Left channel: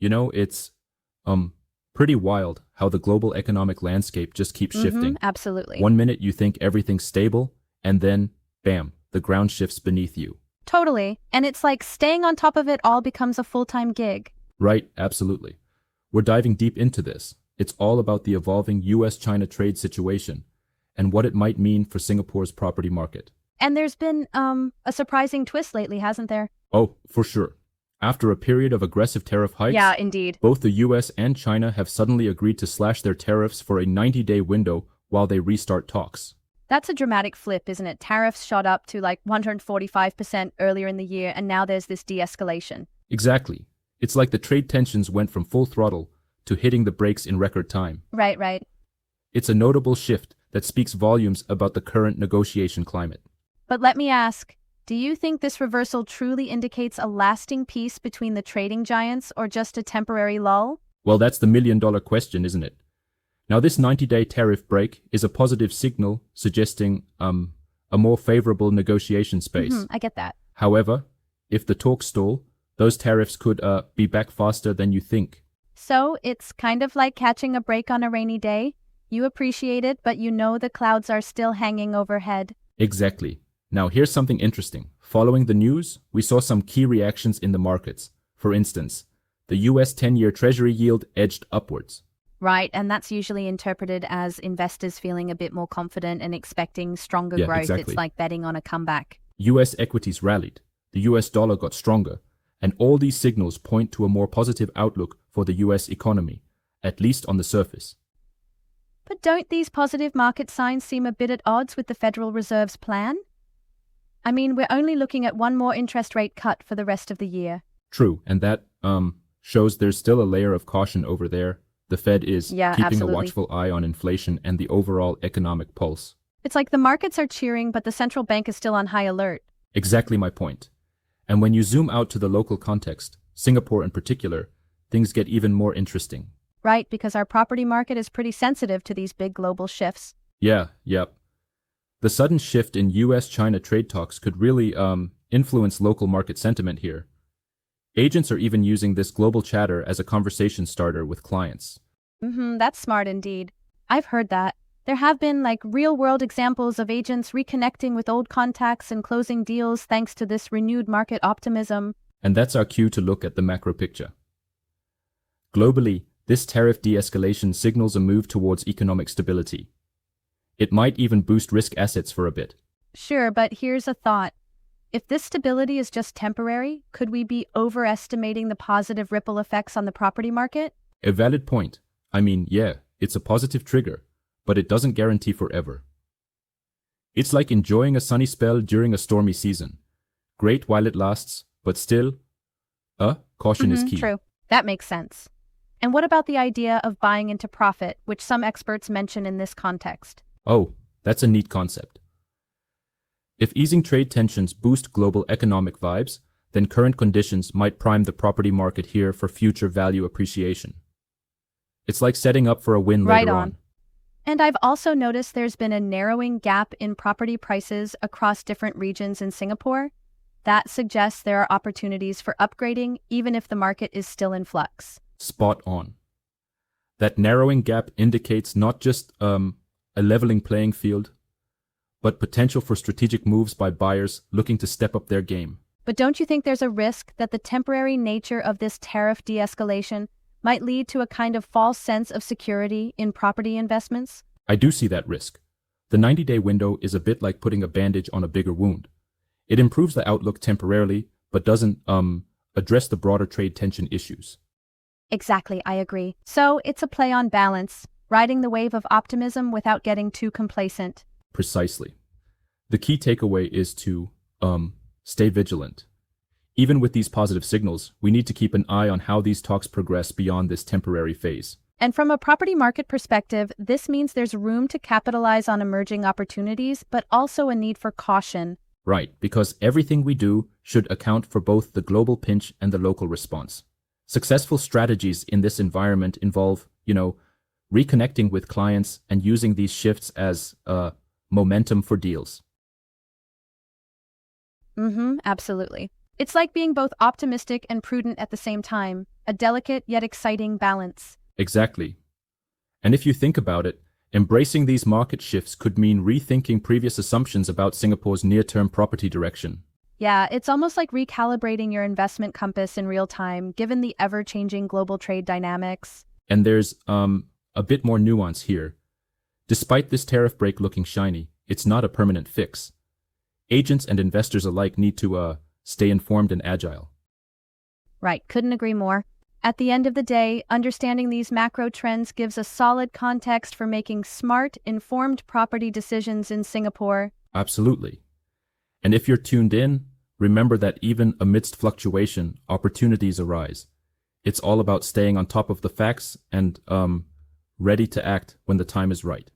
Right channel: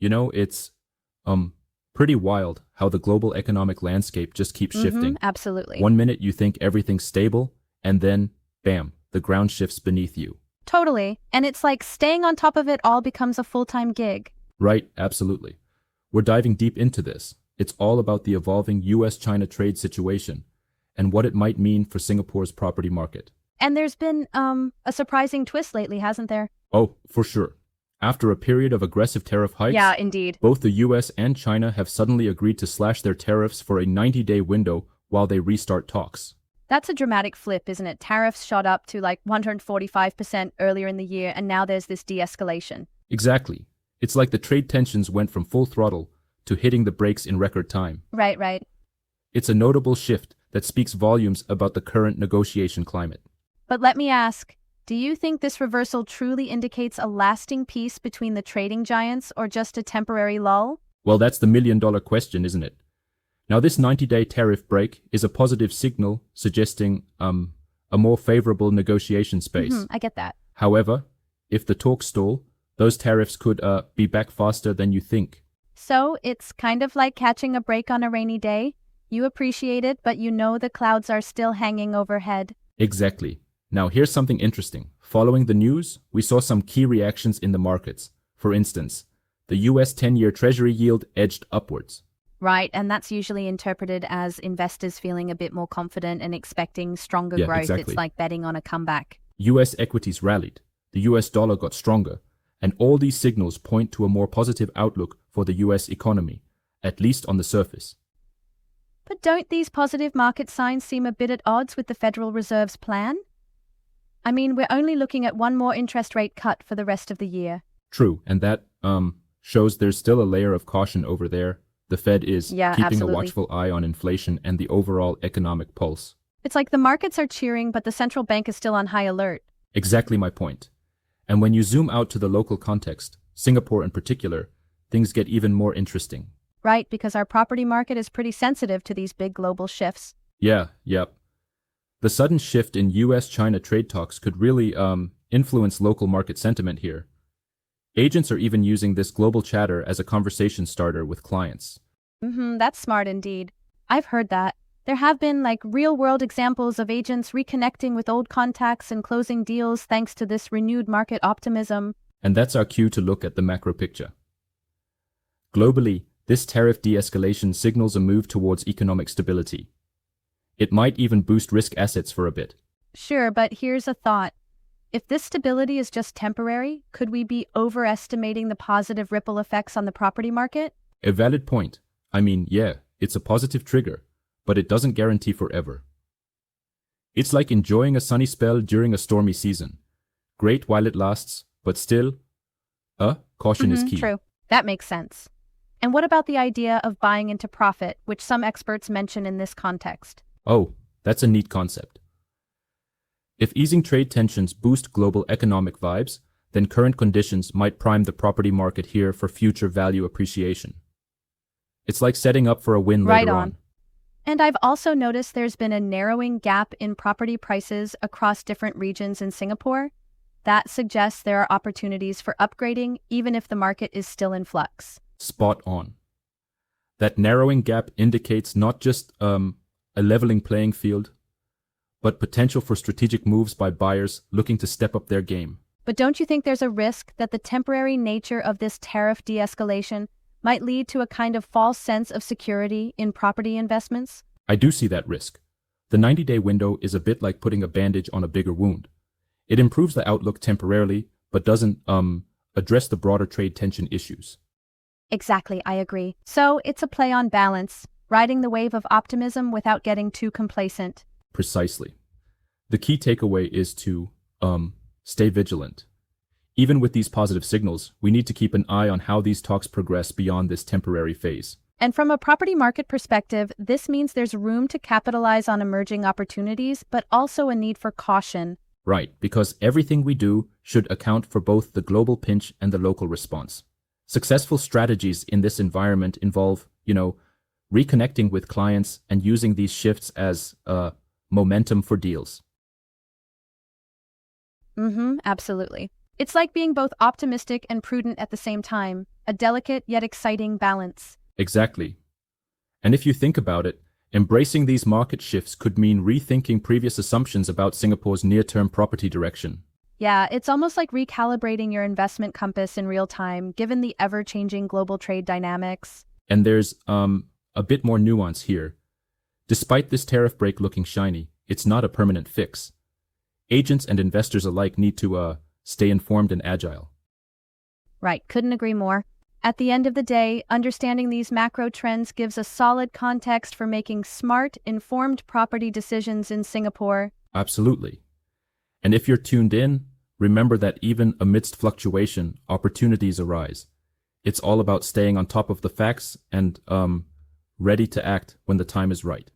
It's pretty wild how the global economic landscape just keeps shifting. Absolutely. One minute you think everything's stable, and then, bam, the ground shifts beneath you. Totally. And it's like staying on top of it all becomes a full-time gig. Right, absolutely. We're diving deep into this. It's all about the evolving US-China trade situation and what it might mean for Singapore's property market. And there's been a surprising twist lately, hasn't there? Oh, for sure. After a period of aggressive tariff hikes, Yeah, indeed. both the US and China have suddenly agreed to slash their tariffs for a 90-day window while they restart talks. That's a dramatic flip, isn't it? Tariffs shot up to like 145% earlier in the year, and now there's this de-escalation. Exactly. It's like the trade tensions went from full throttle to hitting the brakes in record time. Right. It's a notable shift that speaks volumes about the current negotiation climate. But let me ask, do you think this reversal truly indicates a lasting peace between the trading giants or just a temporary lull? Well, that's the million-dollar question, isn't it? Now, this 90-day tariff break is a positive signal suggesting a more favorable negotiation space. I get that. However, if the talks stall, those tariffs could be back faster than you think. So it's kind of like catching a break on a rainy day. You appreciate it, but you know the clouds are still hanging overhead. Exactly. Now, here's something interesting. Following the news, we saw some key reactions in the markets. For instance, the US 10-year Treasury yield edged upwards. Right, and that's usually interpreted as investors feeling a bit more confident and expecting stronger Yeah, growth. exactly. It's like betting on a comeback. US equities rallied, the US dollar got stronger, and all these signals point to a more positive outlook for the US economy, at least on the surface. But don't these positive market signs seem a bit at odds with the Federal Reserve's plan? I mean, we're only looking at one more interest rate cut for the rest of the year. True, and that shows there's still a layer of caution over there. The Fed is Yeah, keeping absolutely. a watchful eye on inflation and the overall economic pulse. It's like the markets are cheering, but the central bank is still on high alert. Exactly my point. And when you zoom out to the local context, Singapore in particular, things get even more interesting. Right, because our property market is pretty sensitive to these big global shifts. Yep. The sudden shift in US-China trade talks could really influence local market sentiment here. Agents are even using this global chatter as a conversation starter with clients. That's smart indeed. I've heard that. There have been real-world examples of agents reconnecting with old contacts and closing deals thanks to this renewed market optimism. And that's our cue to look at the macro picture. Globally, this tariff de-escalation signals a move towards economic stability. It might even boost risk assets for a bit. Sure, but here's a thought. If this stability is just temporary, could we be overestimating the positive ripple effects on the property market? A valid point. I mean, yeah, it's a positive trigger, but it doesn't guarantee forever. It's like enjoying a sunny spell during a stormy season. Great while it lasts, but still, caution is key. True. That makes sense. And what about the idea of buying into profit, which some experts mention in this context? Oh, that's a neat concept. If easing trade tensions boost global economic vibes, then current conditions might prime the property market here for future value appreciation. It's like setting up for a win later on. And I've also noticed there's been a narrowing gap in property prices across different regions in Singapore. That suggests there are opportunities for upgrading, even if the market is still in flux. Spot on. That narrowing gap indicates not just a leveling playing field, but potential for strategic moves by buyers looking to step up their game. But don't you think there's a risk that the temporary nature of this tariff de-escalation might lead to a kind of false sense of security in property investments? I do see that risk. The 90-day window is a bit like putting a bandage on a bigger wound. It improves the outlook temporarily, but doesn't address the broader trade tension issues. Exactly, I agree. So it's a play on balance, riding the wave of optimism without getting too complacent. Precisely. The key takeaway is to stay vigilant. Even with these positive signals, we need to keep an eye on how these talks progress beyond this temporary phase. And from a property market perspective, this means there's room to capitalize on emerging opportunities, but also a need for caution. Right, because everything we do should account for both the global pinch and the local response. Successful strategies in this environment involve, reconnecting with clients and using these shifts as momentum for deals. Absolutely. It's like being both optimistic and prudent at the same time, a delicate yet exciting balance. Exactly. And if you think about it, embracing these market shifts could mean rethinking previous assumptions about Singapore's near-term property direction. Yeah, it's almost like recalibrating your investment compass in real time, given the ever-changing global trade dynamics. And there's a bit more nuance here. Despite this tariff break looking shiny, it's not a permanent fix. Agents and investors alike need to stay informed and agile. Right, couldn't agree more. At the end of the day, understanding these macro trends gives a solid context for making smart, informed property decisions in Singapore. Absolutely. And if you're tuned in, remember that even amidst fluctuation, opportunities arise. It's all about staying on top of the facts and ready to act when the time is right.